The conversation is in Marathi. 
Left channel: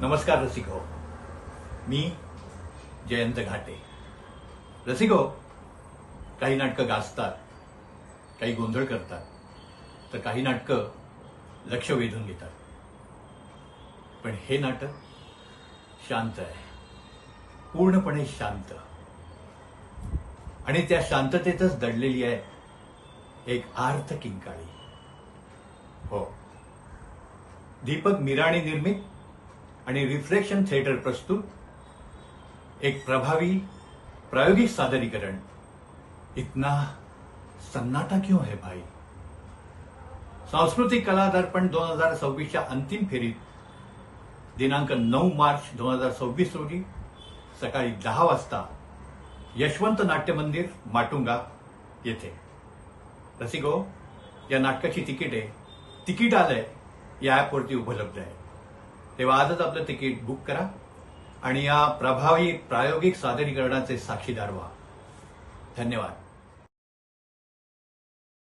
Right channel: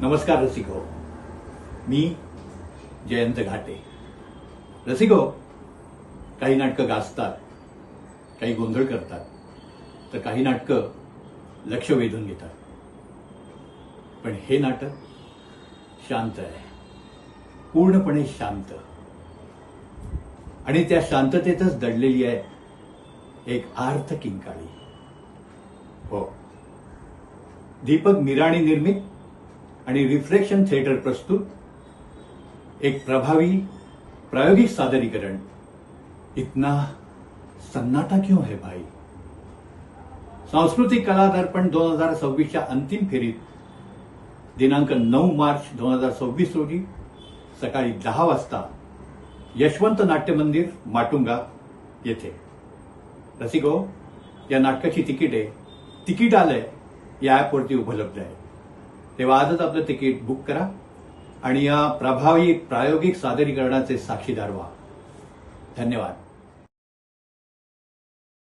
नमस्कार रसिको. मी जयंत घाटे. रसिको, काही नाटकं गाजतात, काही गोंधळ करतात, तर काही नाटकं लक्ष वेधून घेतात. पण हे नाटक शांत आहे, पूर्णपणे शांत. आणि त्या शांततेतच दडलेली आहे एक आर्त किंकाळी. हो, दीपक मिराणी निर्मित आणि रिफ्लेक्शन थिएटर प्रस्तुत एक प्रभावी प्रायोगिक सादरीकरण. इतना सन्नाटा क्यों है भाई? सांस्कृतिक कला दर्पण 2026च्या अंतिम फेरीत दिनांक 9 मार्च 2026 रोजी सकाळी 10 वाजता यशवंत नाट्य मंदिर माटुंगा येथे. रसिको, या नाटकाची तिकीटे तिकीट आलंय या ॲपवरती उपलब्ध आहे. तेव्हा आजच आपलं तिकीट बुक करा आणि या प्रभावी प्रायोगिक सादरीकरणाचे साक्षीदार व्हा. धन्यवाद.